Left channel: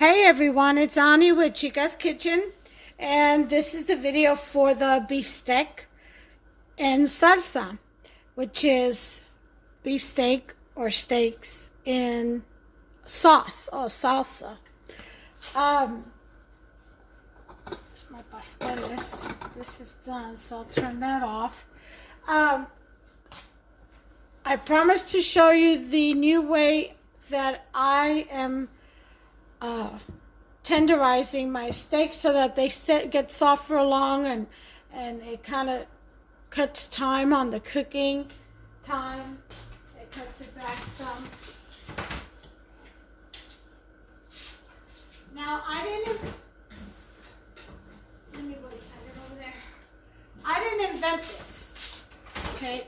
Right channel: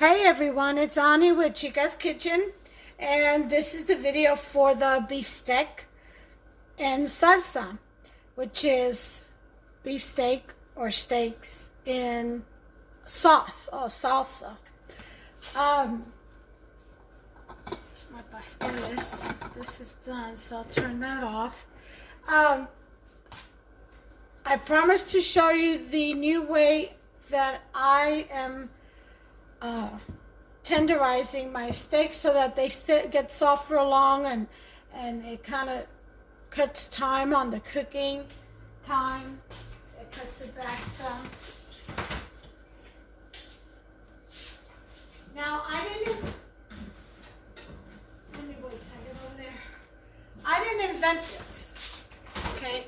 Hey everyone, it's Ani with Chica's Kitchen, and this is the video for the beef steak in salsa, which is beef steak or steaks in sauce or salsa. It's my pasteles. This is done, so I'll turn that off. I promised to show you the new way that I am tenderizing my steak so that they get soft for long, and it kind of cuts time on the cooking time. It cuts it back some. Now let me wait a second over there. I didn't invent this, okay?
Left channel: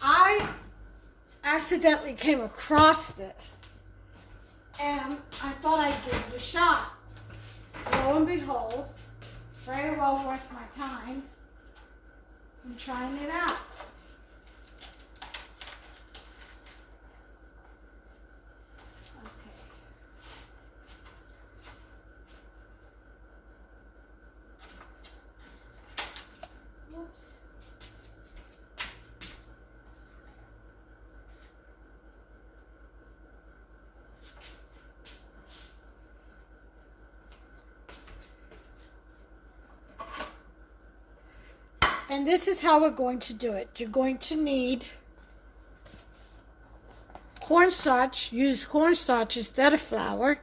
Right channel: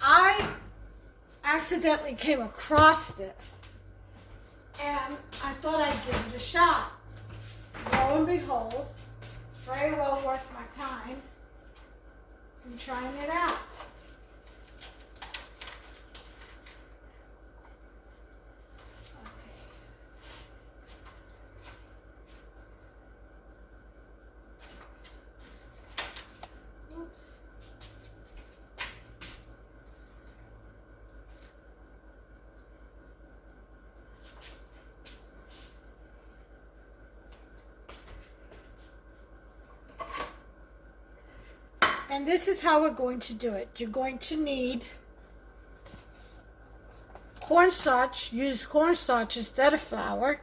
I accidentally came across this, and I thought I'd give it a shot. Lo and behold, very well worth my time in trying it out. Okay. Oops. And this is how we're going to do it. You're going to need cornstarch. Use cornstarch instead of flour.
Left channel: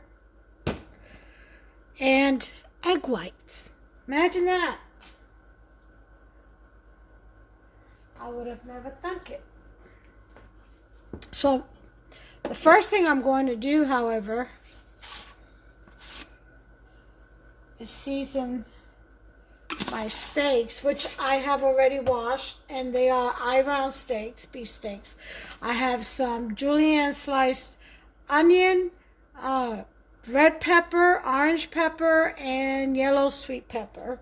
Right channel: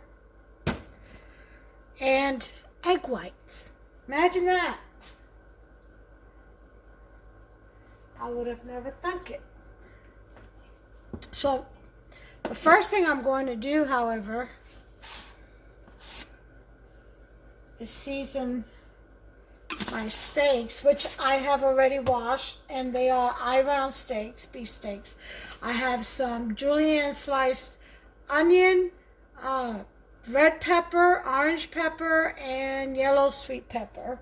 And egg whites. Imagine that. I would have never thunk it. So, the first thing I'm going to do, however, is season my steaks, which I have already washed, and they are eye-round steaks, beef steaks. I have some julienne sliced onion, red pepper, orange pepper, and yellow sweet pepper.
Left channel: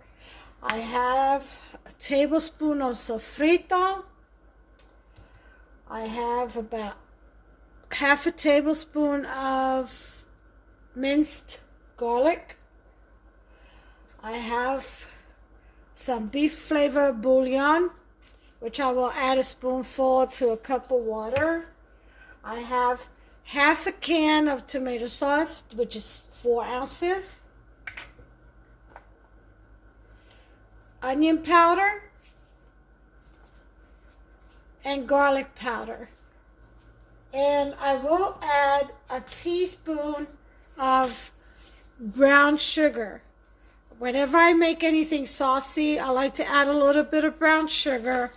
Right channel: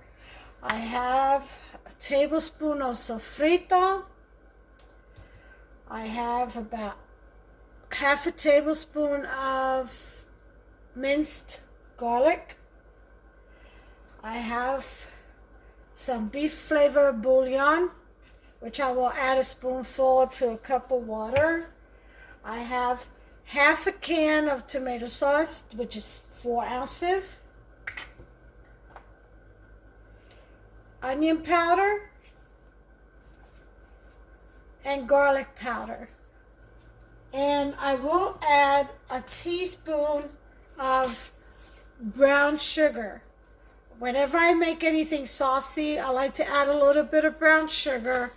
I have a tablespoon of sofrito. I have about half a tablespoon of minced garlic. I have some beef flavor bouillon, which I will add a spoonful to a cup of water. I have half a can of tomato sauce, which is 4 ounces. Onion powder and garlic powder. And I will add a teaspoon of brown sugar. Whenever I make anything saucy, I like to add a little bit of brown sugar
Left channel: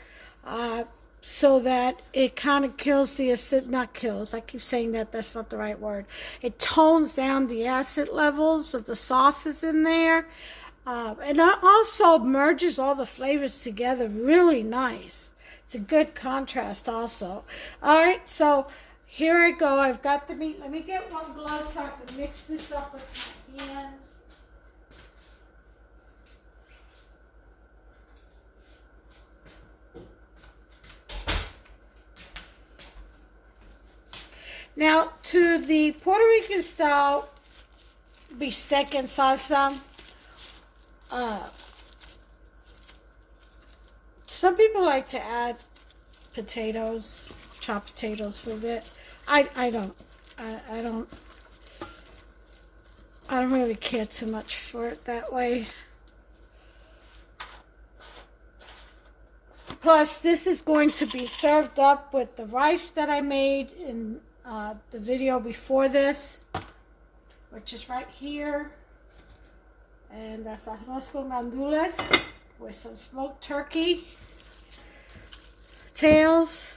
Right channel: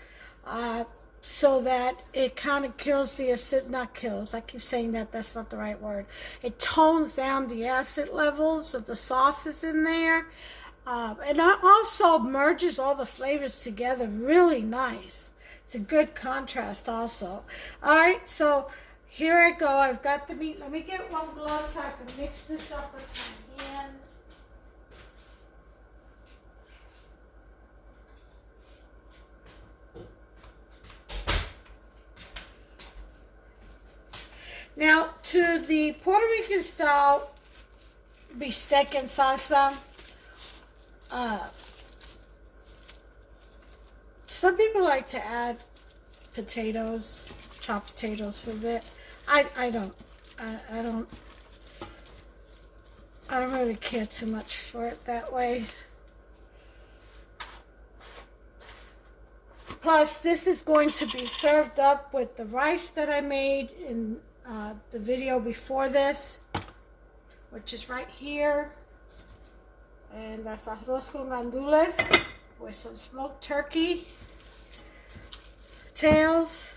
so that it kind of kills the acid, not kills, I keep saying that, that's not the right word. It tones down the acid levels of the sauces in there. And it also merges all the flavors together really nice. It's a good contrast also. All right, so here I go. I've got the meat. Let me get one glove so I can mix this up with my hand. Now, to the Puerto Rican style bistec and salsa, some people like to add potatoes, chopped potatoes with it. I don't really care too much for it that way. Plus, this is going to be served up with the rice that I made in the video before this, which is right here, and that's arroz con gandules with some smoked turkey tails.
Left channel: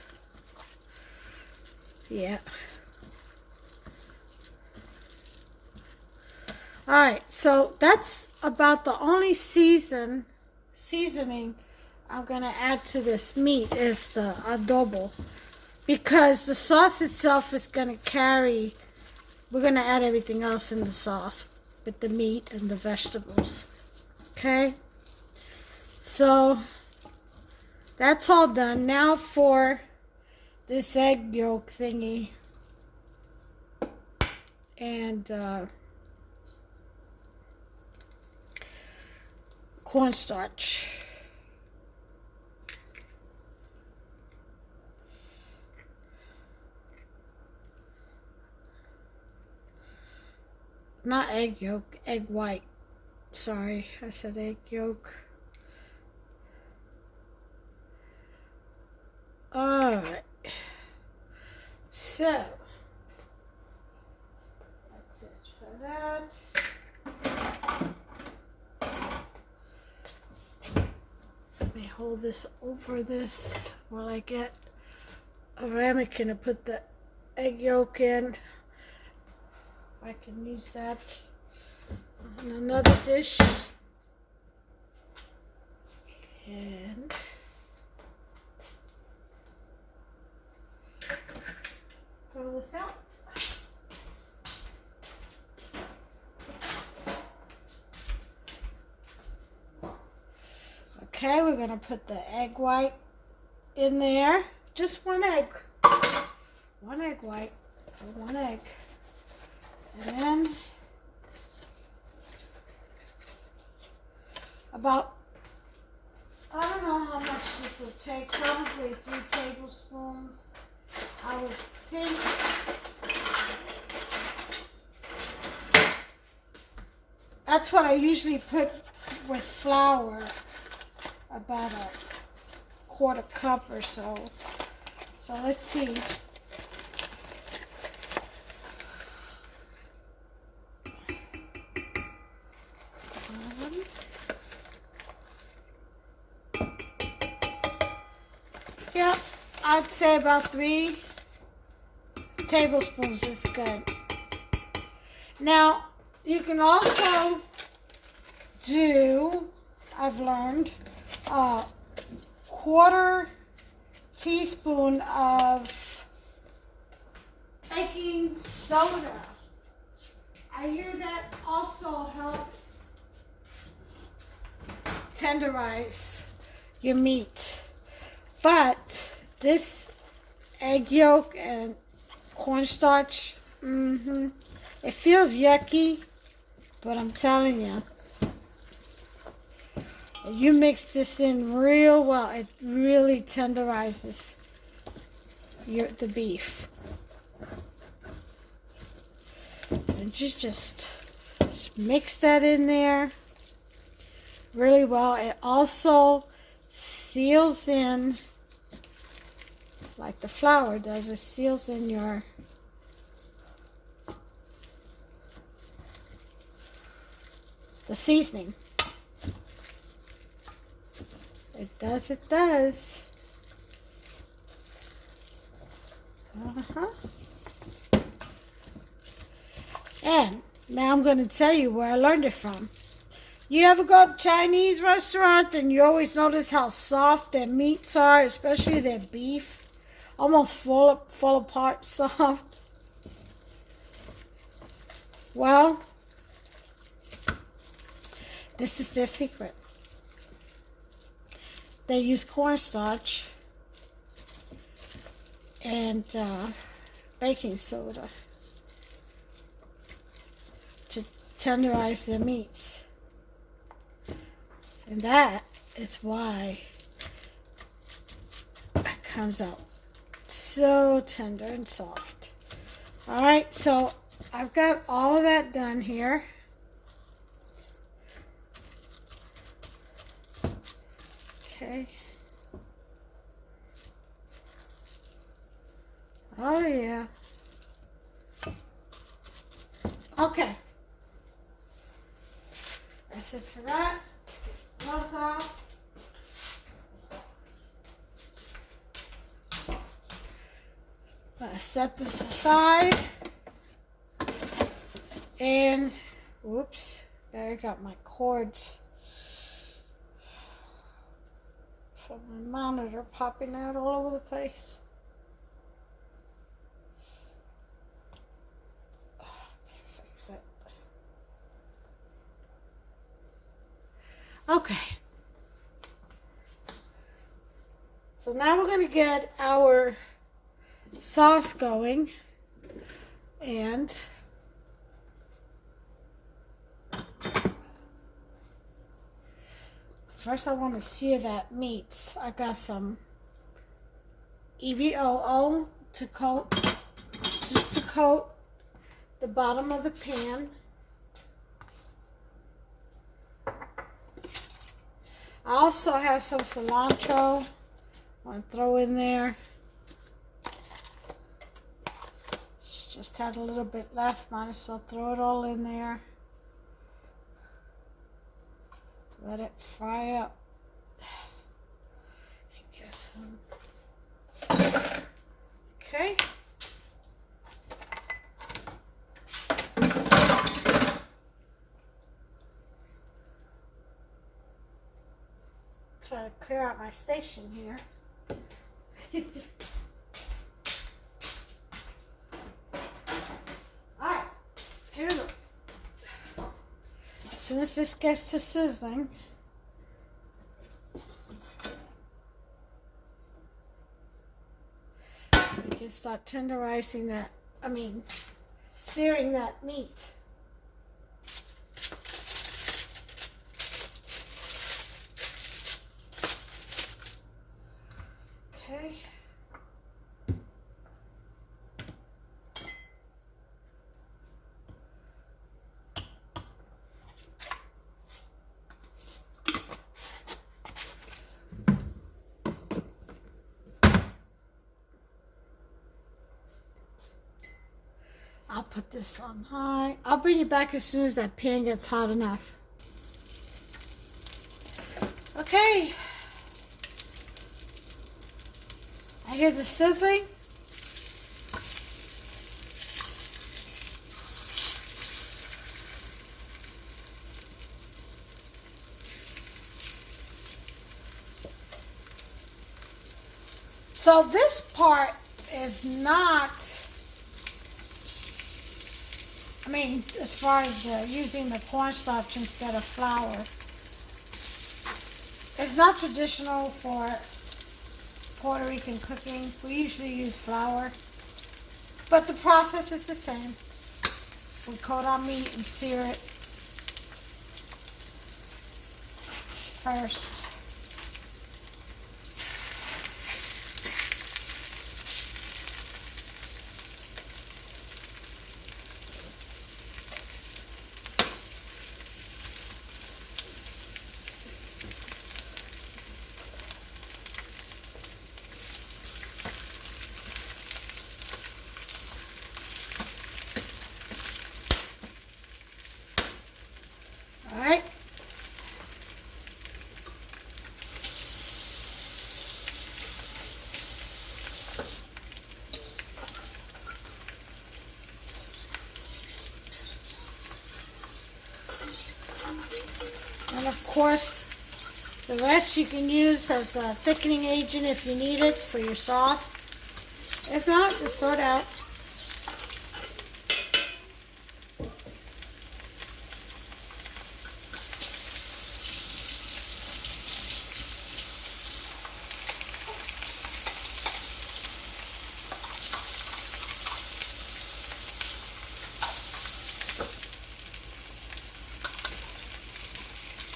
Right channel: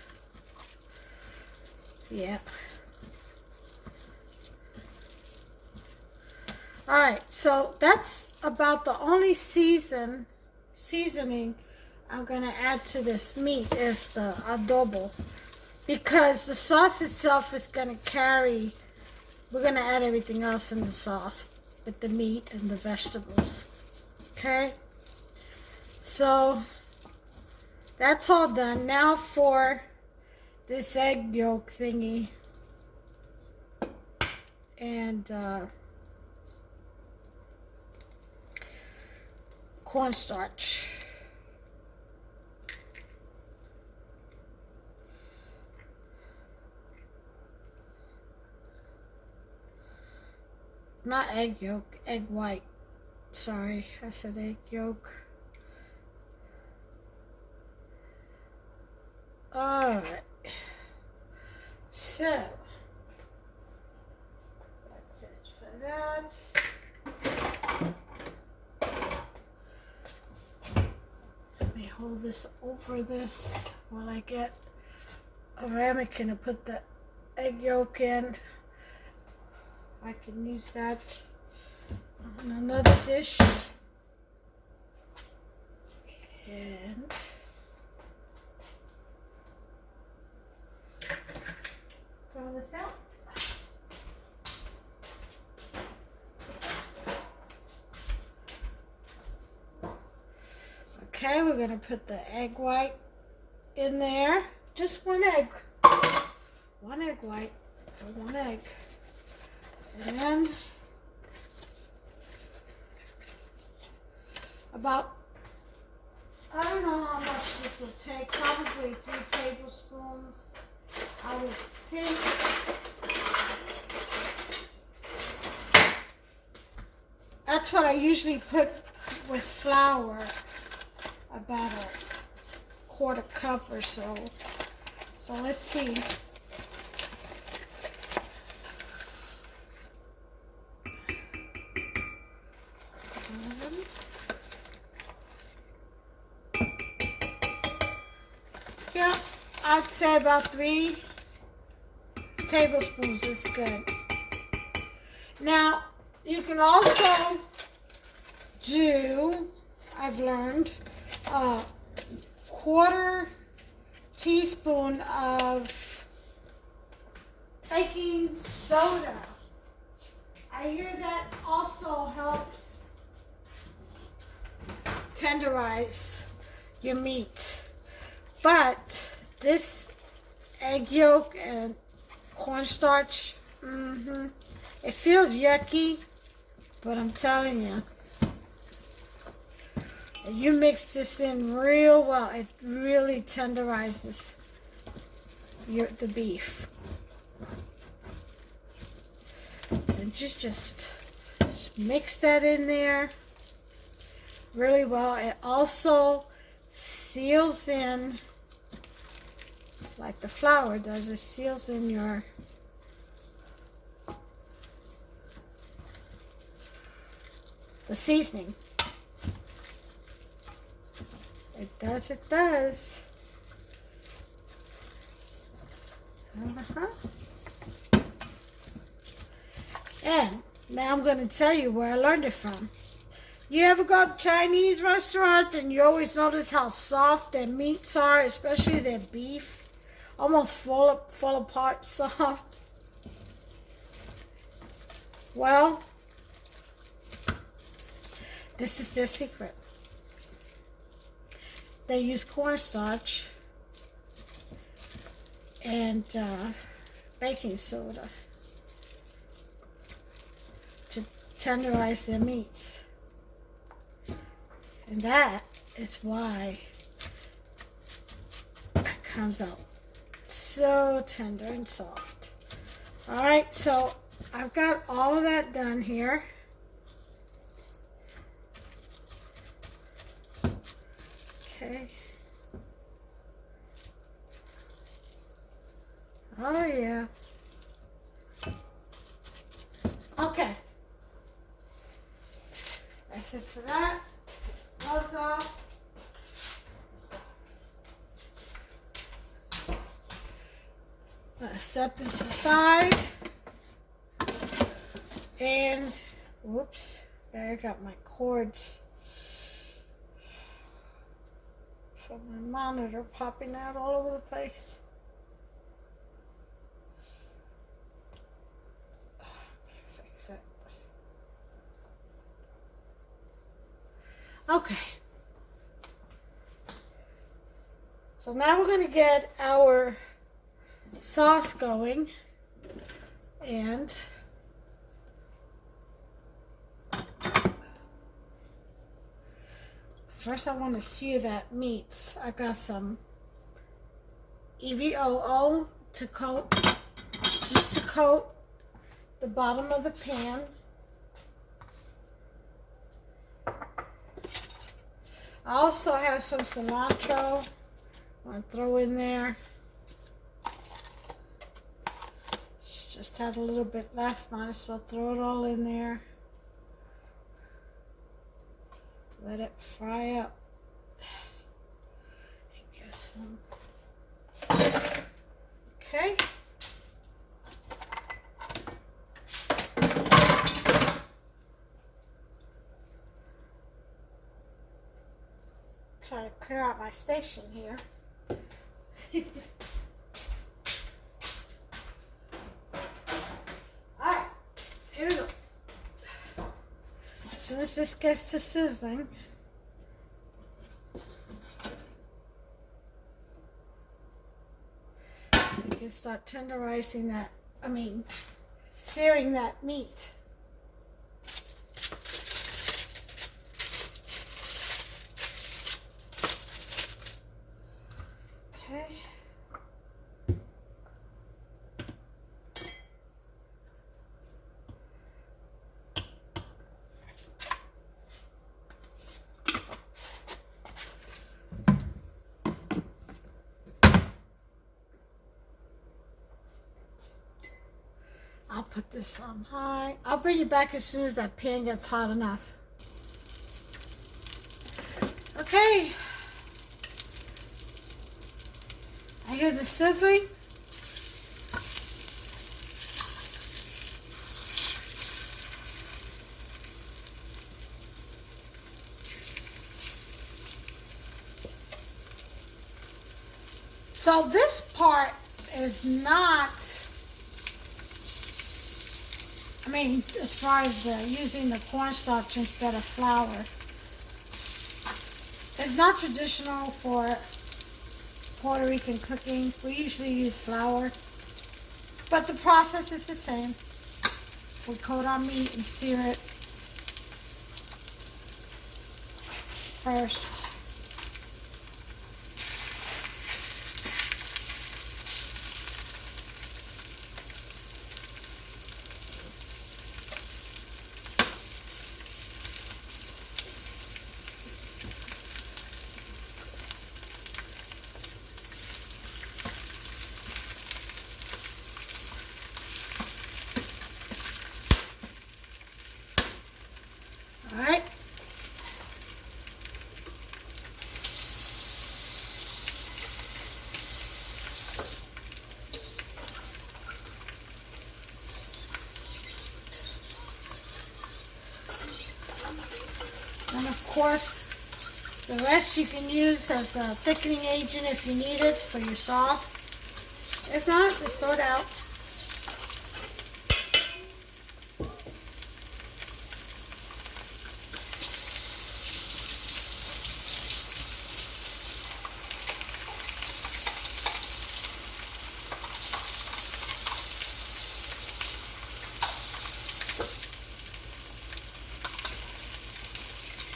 Yeah. All right, so that's about the only seasoning I'm gonna add to this meat is the adobo. Because the sauce itself is going to carry, we're going to add everything else in the sauce with the meat and the vegetables. Okay? So, that's all done. Now for this egg yolk thingy. And cornstarch. Not egg yolk, egg white. Sorry, I said egg yolk. Alright. So, that's it for that. Let me hold this over this while I get a ramekin to put the egg yolk in. I can use that on another dish. And throw this out. Okay, we're gonna put the egg white in there. Just one egg. One egg white for one egg. And then about, I don't know how much this will take, probably 3 tablespoons, I would think. That's what I usually put with flour, about a 1/4 cup or so. So let's see. Yeah, I'd say about 3 tablespoons is good. Now, you can also do, I've learned, a 1/4 teaspoon of baking soda. I hear that also helps tenderize your meat. But this egg yolk and cornstarch, it feels yucky, but I'm telling you, you mix this in real well, it really tenderizes the beef. And you just mix that in there really well. It also seals in, like the flour does, it seals in your the seasoning. It does, it does. And now I'm going to tell you where I learned it from. You ever go to a Chinese restaurant and you always notice how soft their meats are, especially their beef? Almost fall apart soft. Well, this is their secret. They use cornstarch and baking soda to tenderize their meats. And that is why it comes out so tender and soft. Alright, so I've got all of that done here. Okay. Oh yeah. Okay. That's it for that. Those off. Set this aside. And whoops, I got my cords from my monitor popping out all over the place. Fix it. Okay. So now we're going to get our sauce going, and First, I want to sear that meat. I got some EVOO to coat, just to coat the bottom of the pan. I also have some cilantro. I want to throw in there. Just had a little bit left. Might as well throw it all in there. Let it fry up. I guess. Okay. Try to clear out my station here. Alright, here we go. As soon as this gets to sizzling, we can start tenderizing that, searing that meat. Okay. I'll put this on high. I'll bring you back as soon as that pan gets hot enough. Okay. I hear the sizzling. So this part is not, as far as using the cornstarch instead of flour, it's not traditional for Puerto Rican cooking. We usually use flour, but the process is the same. We coat our meat and sear it first. Alright. And of course, the rest you can use as a thickening agent if you need it for your sauce. If not, just throw it out.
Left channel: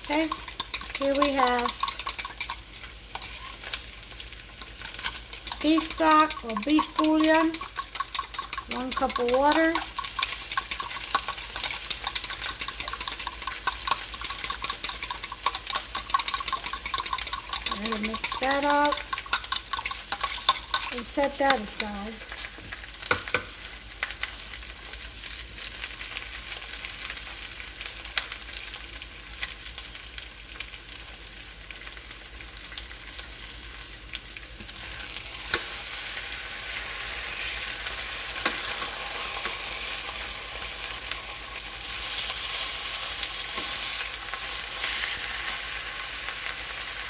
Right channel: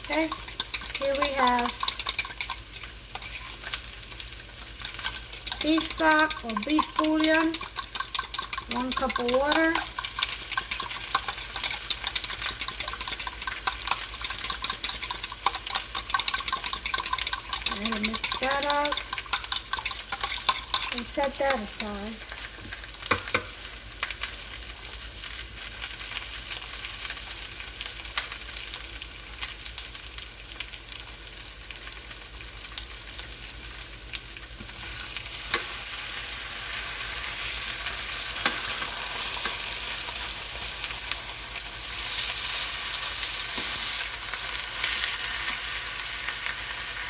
Okay, here we have beef stock or beef bouillon, 1 cup of water, I'm going to mix that up and set that aside.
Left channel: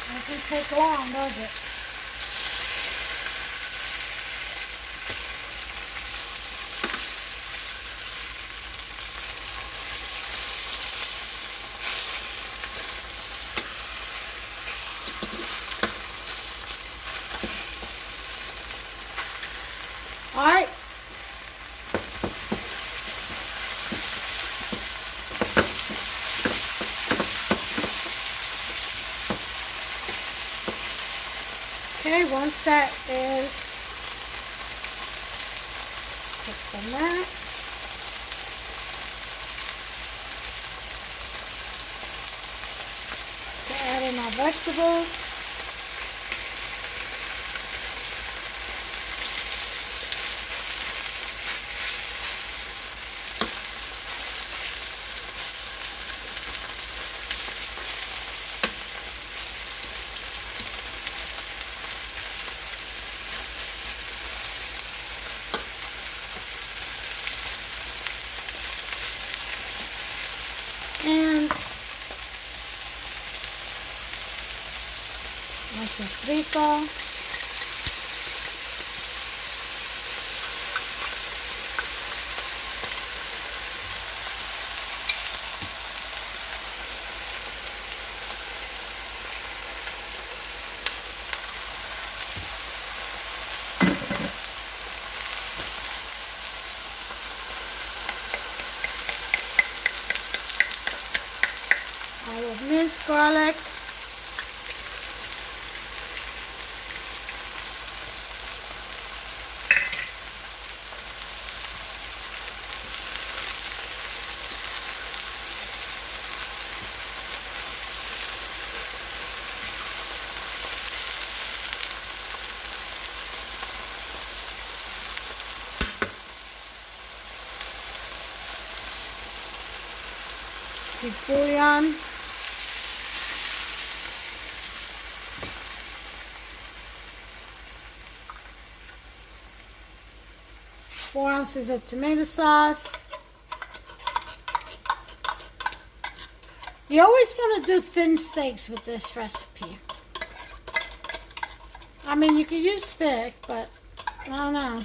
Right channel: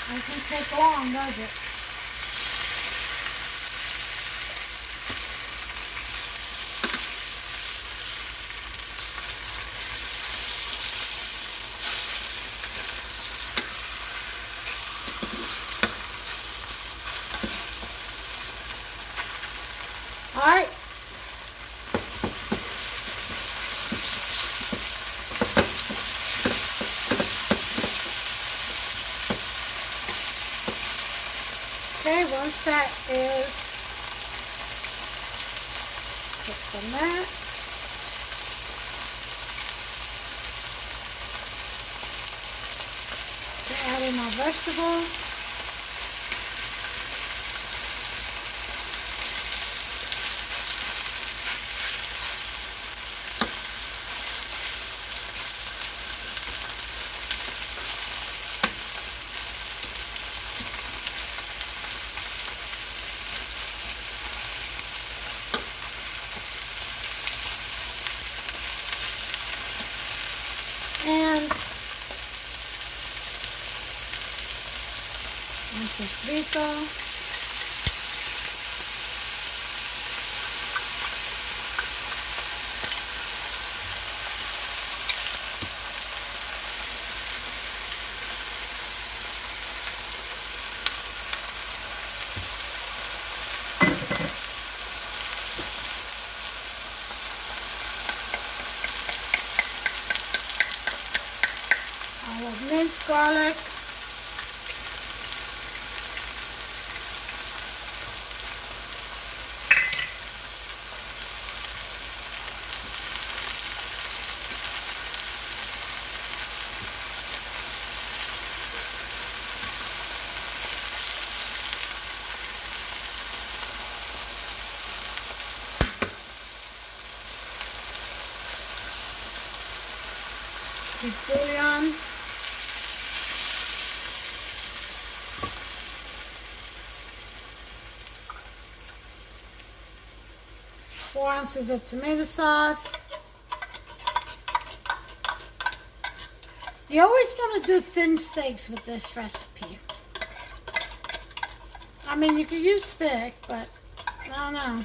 Doesn't take long, does it? All right. Okay, once that is cooked on that, add in our vegetables. And sofrito. Olive minced garlic. Beef bouillon. 4 ounces of tomato sauce. You always want to do thin steaks with this recipe. I mean, you can use thick, but I don't know.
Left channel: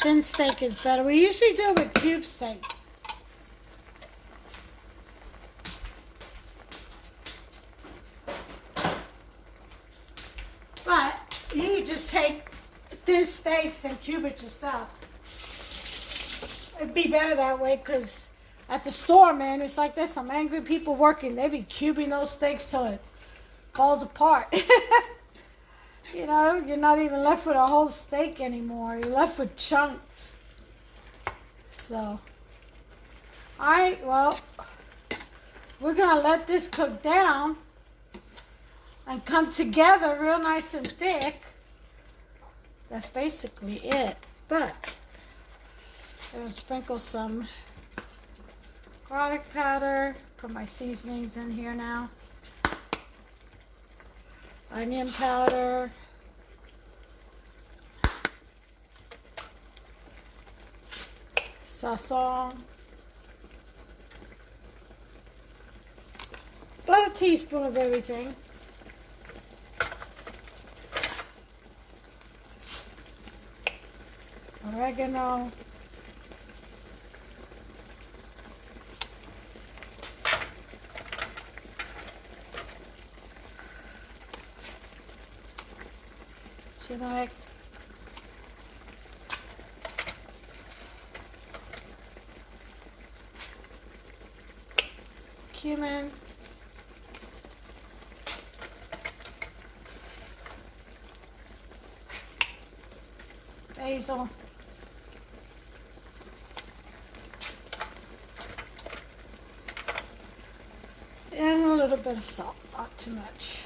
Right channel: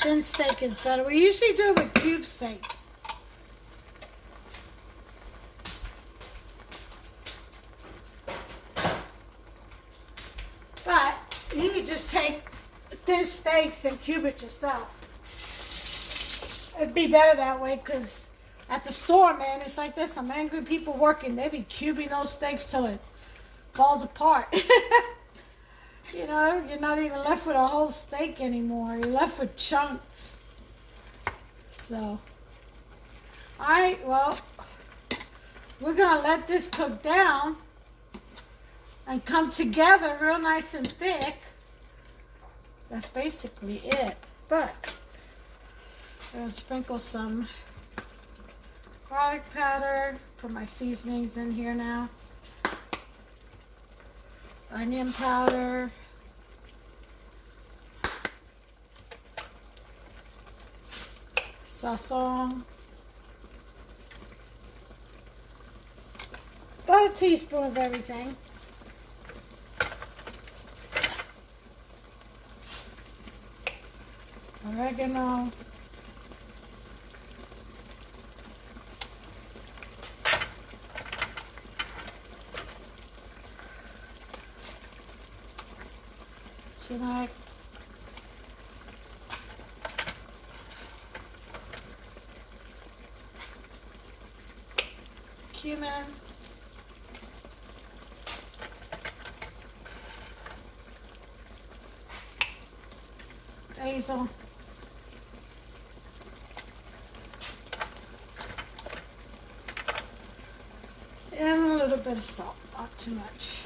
Thin steak is better. We usually do it with cube steak. But you can just take thin steaks and cube it yourself. It'd be better that way, because at the store, man, it's like there's some angry people working. They be cubing those steaks till it falls apart. You know, you're not even left with a whole steak anymore. You're left with chunks. So, alright, well, we're going to let this cook down and come together real nice and thick. That's basically it. But I'm going to sprinkle some garlic powder. Put my seasonings in here now. Onion powder. Salsa. About a teaspoon of everything. Oregano. Like cumin, basil, and a little bit of salt, not too much.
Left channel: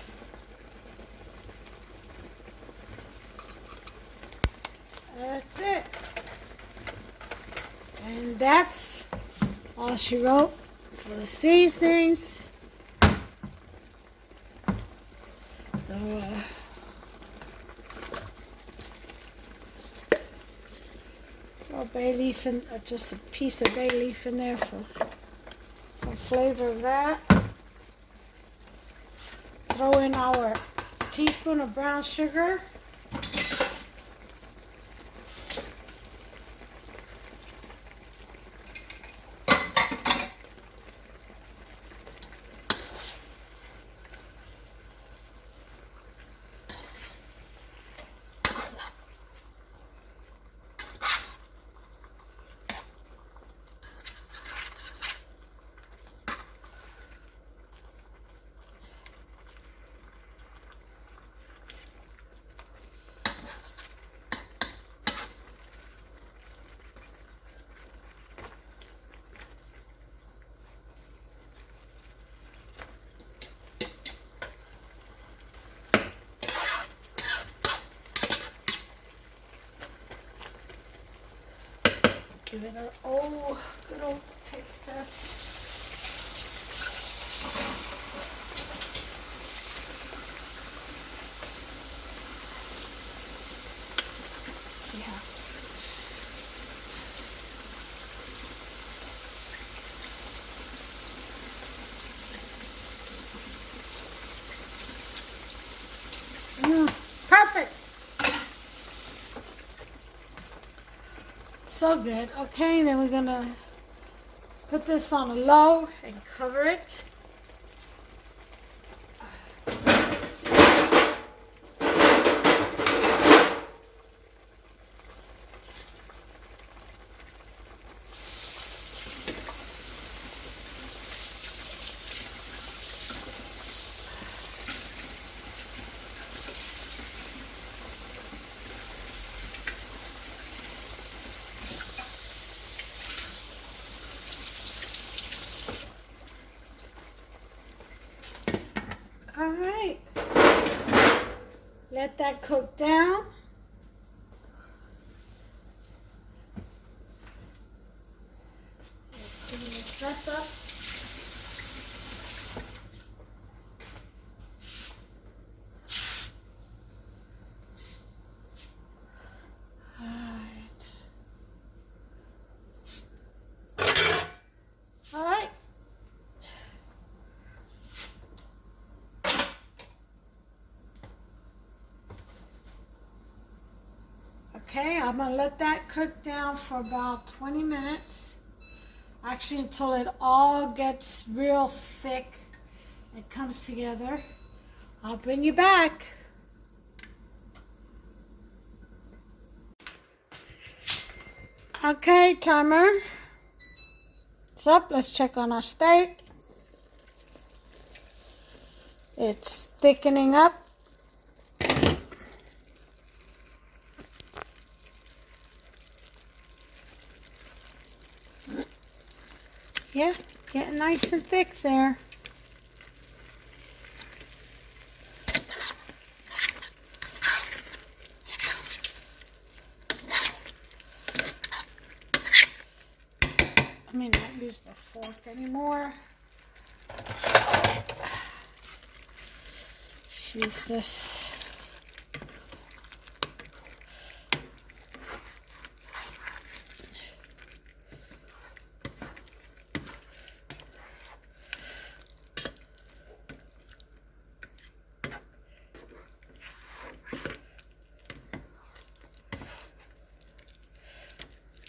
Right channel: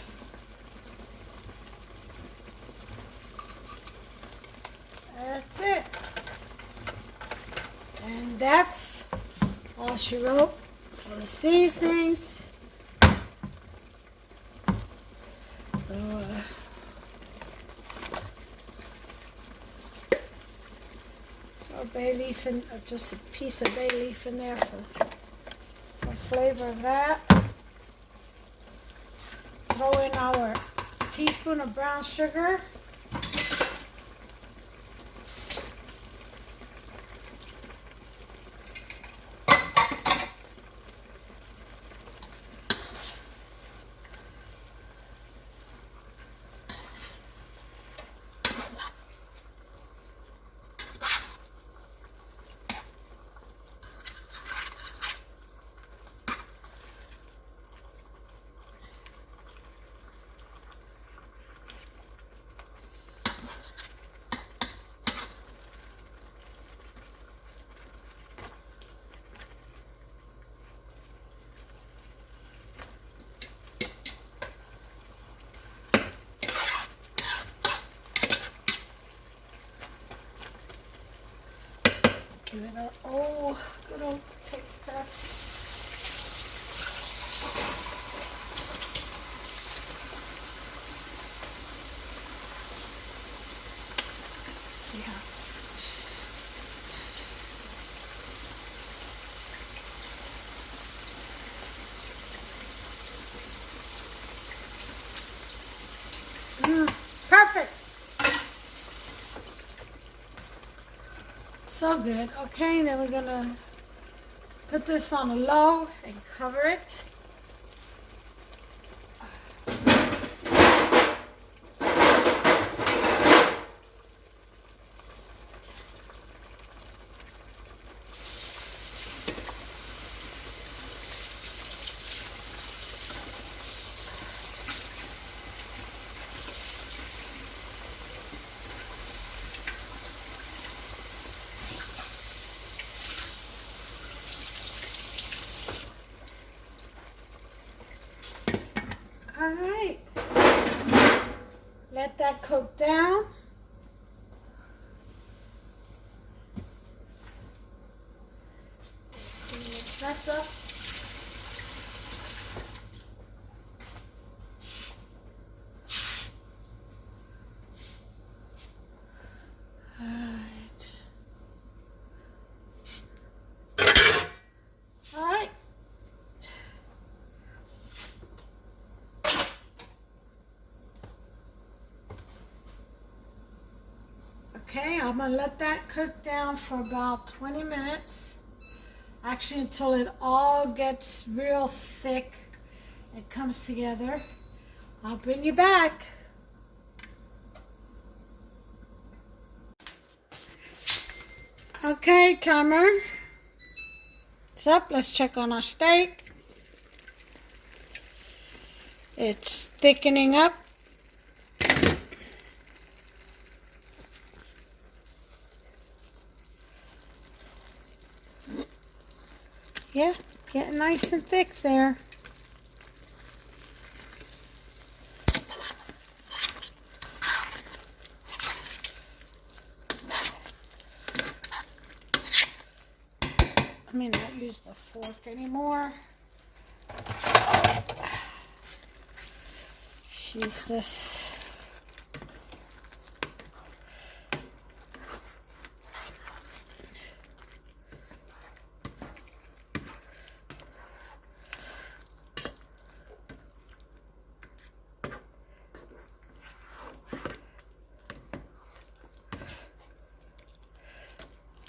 That's it. And that's all she wrote for the seasonings. So, throw bay leaf in, just a piece of bay leaf in there for some flavor of that. Throw in our teaspoon of brown sugar. Give it a good old taste test. See how. Perfect. So good. Okay, then we're gonna put this on a low and cover it. All right, let that cook down. Clean this mess up. All right. All right. Okay, I'm going to let that cook down for about 20 minutes. Actually, until it all gets real thick and comes together. I'll bring you back. Okay, timer. It's up. Let's check on our steak. It's thickening up. Yeah, getting nice and thick there. I may not use the fork anymore. Use this.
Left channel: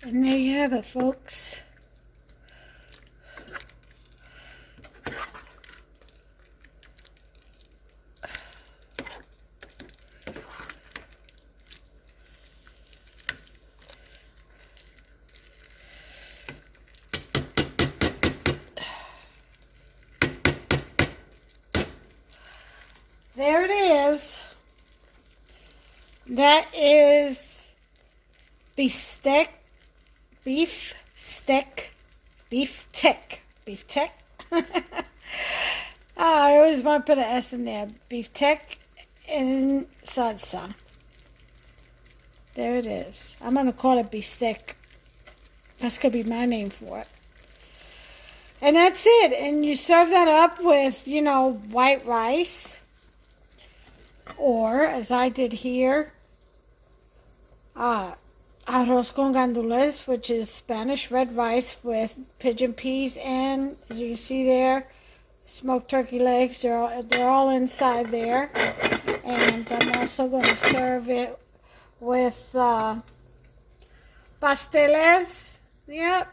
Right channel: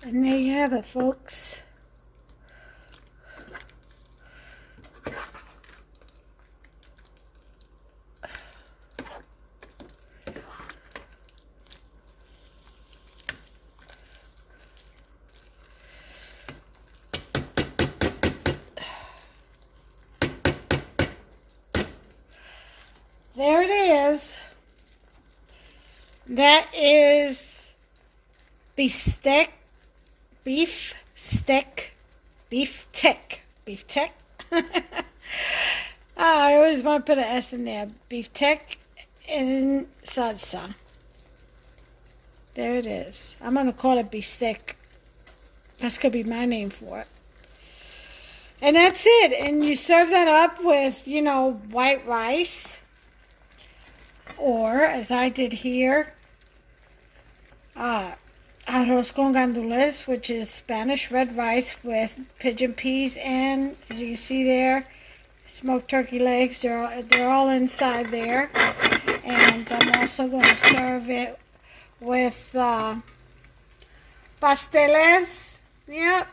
And there you have it, folks. There it is. That is Bistec. Beef tech. I always want to put an S in there. Beef tech and salsa. There it is. I'm going to call it Bistec. That's going to be my name for it. And that's it. And you serve that up with, white rice. Or, as I did here, arroz con gandules, which is Spanish red rice with pigeon peas and, as you can see there, smoked turkey legs. They're all inside there. And I'm also going to serve it with pasteles. Yep.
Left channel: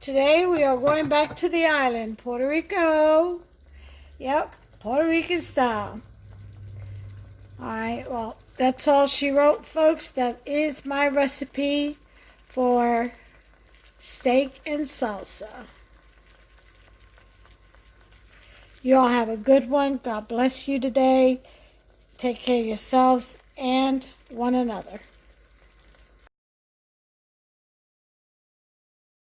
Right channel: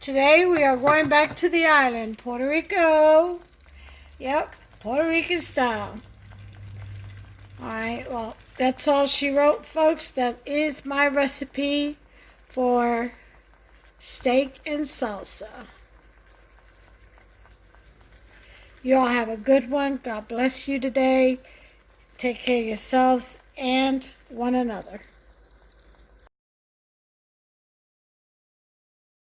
Today we are going back to the island, Puerto Rico. Yep, Puerto Rican style. All right, well, that's all she wrote, folks. That is my recipe for steak and salsa. You all have a good one. God bless you today. Take care of yourselves and one another.